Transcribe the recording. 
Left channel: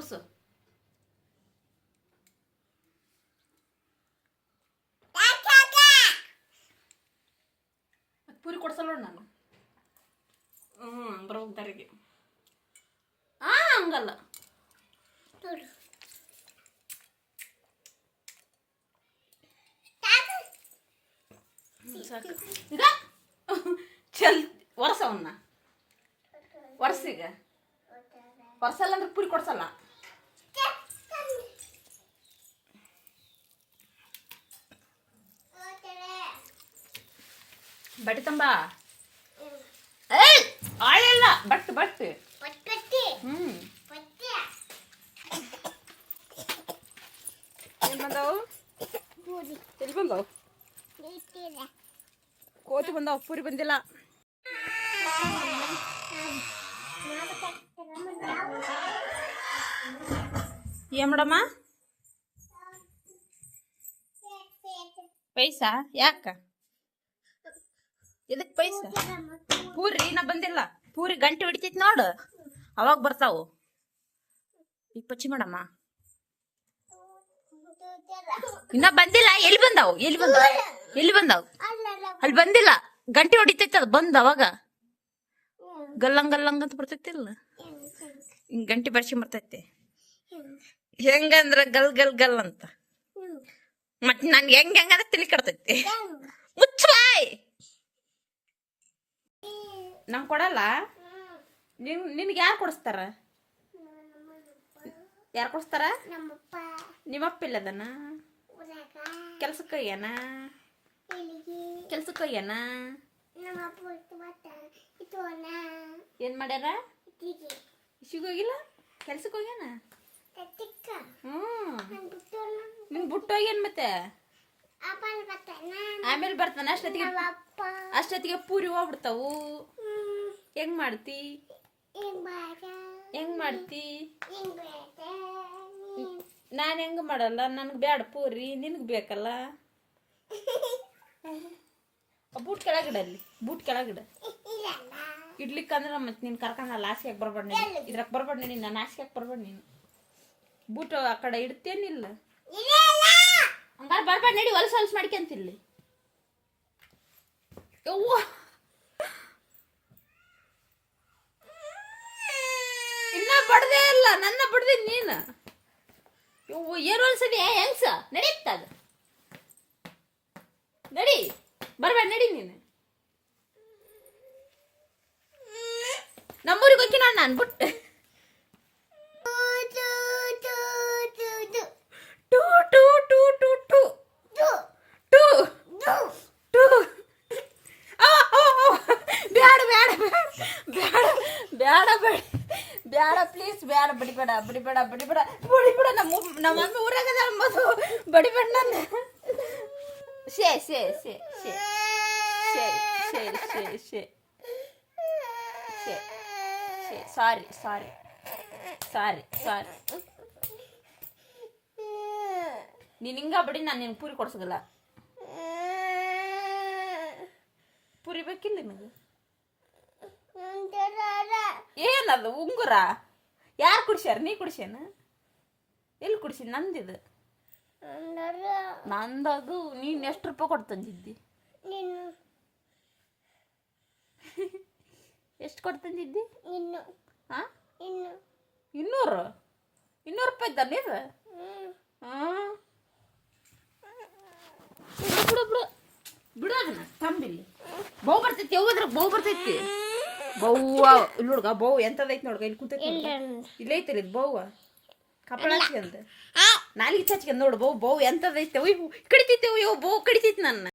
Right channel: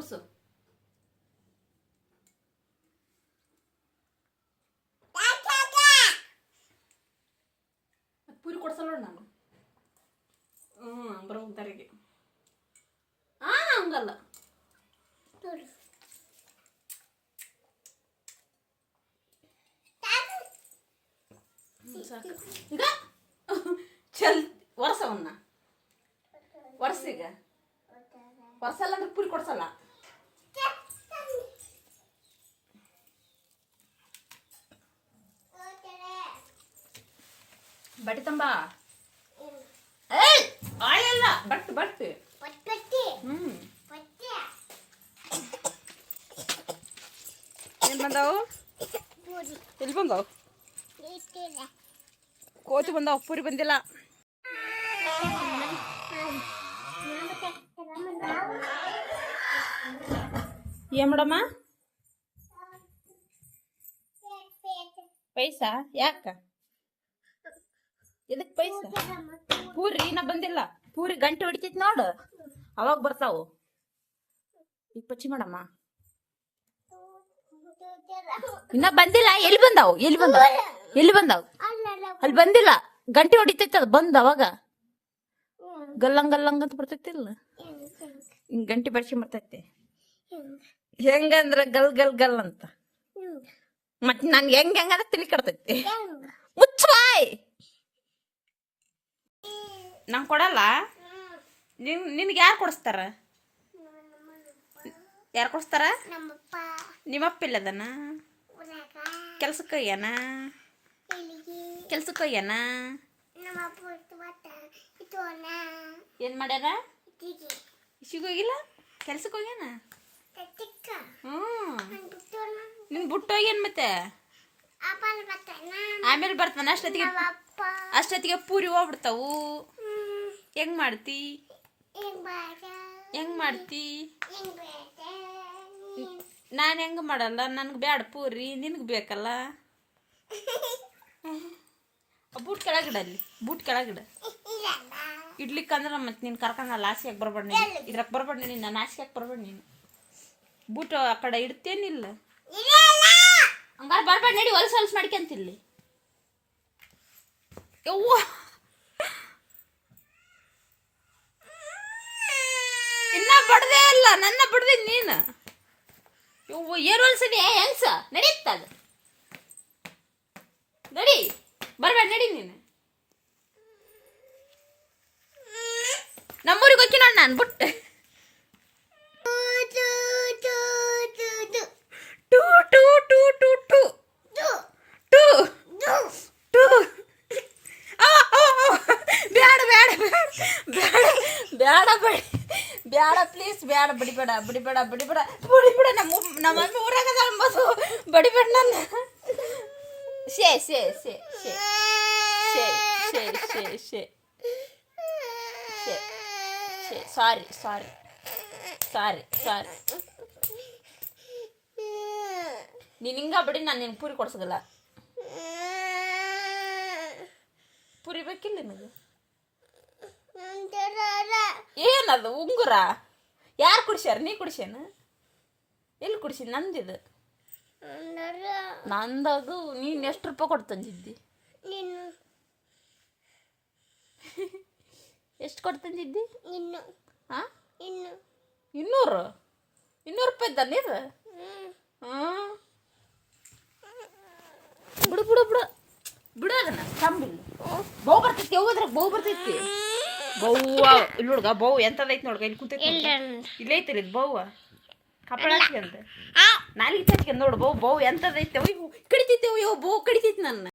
ಕುಡ್ಸು. ಪೂರಿ ಕೊಡ್ಸಲ್ಲ ನಾನು. ಬರೋದಾರಿಗೆ ಹಂಗಲ್ಲ. ಈಗ ಚಲ್ ಒರ್ಸವನ್ನ ಒರ್ಸೀಗ. ಒರ್ಸಲ್ಲ ಅಂದ್ರೆ ಪೂರಿ ಕೊಡ್ಸಲ್ಲ. ಬಟ್ಟಿ ತಂಬ. ಆಳೆಲ್ಲ ಬಟ್ ಬಟ್ ಏನ್ ಬಂದಾವು? ಎಲ್ಲಿ ಬಂದಾವು? ಕೋತಿ ಬಂದಾವು, ಪೂರಿ ಬಂದಿಲ್ಲ. ಏನ್ ಮಾಡಮ್ಮ? ಪೈಸಾ ಯಾಕ? ಎದಕ್ ಪೈಸಾ? ಪೂರಿ ಇನ್ನ ಬಂದಿಲ್ಲ. ಪೂರಿ ಗಂಟೆ ಹೊಡಿತೈತಿ ನೋಡು, ಅವಾಗ ಬರ್ತಾವು. ಈಗ ಪಚ್ಚಿ ಮಾಡಮ್ಮ. ಇನ್ನ ಬಂದಿಲ್ಲ. ಎಲ್ಲಿ ಬಂದಾವು? ಎಲ್ಲಿ ಬಂದಾವ? ಎಲ್ಲಿ ಬಂದಾವು? ಅಲ್ಲಿ ಬಂದಿಲ್ಲ. ಗಂಟೆ ಹೊಡಿತೈತಿ, ಅದು ಬಂದ ಅವಾಗ ಗಲ್ಲಂಗ್ ಗಲ್ಲಂಗ್ ಅಂತ ಬರ್ತೈತಿಲ್ಲ. ಹಿಂಗ್ ಗಂಟೆ ಬರ್ಸ್ಕೊಂಡ್ ಬರ್ತೈತಿ. ಹೆಂಗಂದ್ರ ಗಲ್ ಗಲ್ ಗಲ್ ಅಂತ. ಮತ್ ನನ್ ಹೆಂಗ್ ಹೆಂಗಂದ್ರ ತಿಳಿ ಕಡ್ತೈತಿ. ಮುಚ್ಚಾಯ್ ನಂಗೆ ಕೊಡಲ್ಲ. ನಿನ್ಗೆ ಯಾರು ಕೊಡಿಸ್ತಾರ? ಯಾರು ಕೊಡಿಸ್ತಾರ? ನಿಮ್ಮಪ್ಪ ಇಲ್ಲದನ? ಕೆಲ್ಸಕ್ಕೆ ಹೋಗ್ಯಾನ? ಕೆಲ್ಸಕ್ಕೆ ಹೋಗ್ಯಾನ? ಏನ್ ಮಾಡ್ಯಾರ? ಇಶಿಗೆ ಹೋಗಿಲ್ಲ, ಕೆಲ್ಸಕ್ಕೆ ಹೋಗ್ಯಾನ. ನಿನ್ ಬಿಟ್ಟು ಹೋಗ್ಯಾನ. ಮತ್ತೆ ಆಮೇಲೆ ಬರ್ತಾನ. ಅಷ್ಟೊತ್ತಿಗೆ ಪೂರಿ ಹೋಗ್ಬಿಡ್ತಾವು. ಹೆಂಗ್ ಮಾಡ್ತಿ? ಹೆಂಗ್ ಮಾಡ್ತಿ? ನಾನು ಹೆಂಗ ಮಾಡಲ್ಲ. ನನ್ಗೆ ಬ್ಯಾಡ ಪೂರಿ, ನಿನ್ಗೆ ಬೇಕಲ್ಲ. Boot ಕೆಳಗಿಡಲ್ಲಿ, boot ಕೆಳಗಿಡ. ಇಡ್ಲಿಕ್ಕಂದ್ರೆ ಮತ್ತೆ ನೀನು ಕರ್ಕೊಂಡು ಅಲ್ಲಿ ಆಸೆಯಾಗಿ ಬರ್ಬೇಡ. ನೀನು ಇದ್ರಾಗ ಬರ್ಬೇಡ. ನೀನು ನಾನು ಆಸೆಯಾಗಿ ಬರ್ಬೇಡ. ನೀನು ಬೂಟ್ ಆ ಕಡೆ ಇಡ್ತೇನಿಲ್ಲ. ಹಂಗಾರೆ ಬರ್ಬೇಡ. ನಡಿ, ಹೊಲಸು ಹೊಲಸು ಮಾಡ್ಕೊಂತಿಲ್ಲಿ. ಯವ್ವ ಇನ್ನ ಬಡ್ದೇ ಇಲ್ಲ. ನನ್ನ ಬಡ್ದಿದ್ ನೀನು. ಯವ್ವ ಏನು ಹೊಲ್ಸದಿ ಹೆಂಗ್ಸ? ನಡೀತದ. ನಡಿ, ಬರ್ಬೇಡ. ನಡಿ ನೀನು. ನಮ್ಮೂರಿಗೆ ಹೋಗಿ ನೋಡ್ ನಾನು ಬಿಟ್ಟು. ಟೂ ಟೂ ಟೂ ಟೂ ಟೂ ಟೂ ಟೂ. ಬ್ಯಾಡ ಬ್ಯಾಡ ಬ್ಯಾಡ ಬ್ಯಾಡ ಬಡಿ ಬ್ಯಾಡ ಪ್ಲೀಸ್. ಬ್ಯಾಡ, ಬಡಿಬೇಡ ಬಡಿಬೇಡ ಬಡಿಬೇಡ ಬಡಿಬೇಡ. ನಮ್ಮ ಮಮ್ಮಿ ಊರಾಗದ ಅಂಬದು. ಬಡಿಬೇಡ ನನ್ನ. ಶೇ ಶೇ ಶೇ ಶೇ ಶೇ ಶೇ ಶೇ ಶೇ ಶೇ ಶೇ. ಸಾರಿ ಸಾರಿ ಸಾರಿ ಸಾರಿ. ನೀನು ಹಿಂಗ ಬಡಿ, ನಾನು ನಿನ್ಗೆ ಪೂರಿ ಕೊಡ್ಸೋದಿಲ್ಲ. ಪೂರಿ ಬೇಕಿಲ್ಲ ನಿನಗೆ? ಏನದು ಉಂಗುರ? ಯಾರು ಕುಡಿಸ್ಯಾರ? ನೀ ಕುಡಿಸ್ಯಾನ? ಎಲ್ಲಿ ಕುಡಿಸಿ? ನಂದಿದು. ನಂದದು. ನೀನು ಎಷ್ಟು ರೂಪಾಯಿ ಕೊಟ್ಟು ತಂದಿದ್ದಿ? ಎಷ್ಟು ಕೊಟ್ಟು ತಂದಿದ್ದಿ? ಹಾಂ, 200 ರೂಪಾಯಿ ಇದ್ದ ನೀರು? ಹಾಂ, ಬಿಡು ಬಿಡು ಬಿಡು ಬಿಡು. ಅದನ್ನ ತಂಬಿಲ್ಲಿ ಬೌ ಬರ್ತೈತಿ. ಹೋದ್ರ ಬೌ ಬರ್ತೈತಿ. ಬೌವ ಇಲ್ಲಿ ನೋಡ್ಗ. ಬೌ ಎಂತದೈತಿ ನೋಡ್ಗ. ಇಲ್ಲಿ ಕುಂತೈತಿ. ಇಲ್ಲೇ ಐತಿರಿ ಇದು ಬೌವ. ಕಪ್ಪಳ ಹಚ್ಕೊಂಡ ನಾಲಿಗೆ ಹಚ್ಕೊಂಡ್ ನೋಡು. ಬೌ ಎಂತದೈತಿ. ಕಡಿತೈತಿ. ಅಯ್ಯೋ ಬೌ ಕಡಿತೈತಿ ನನ್ನ.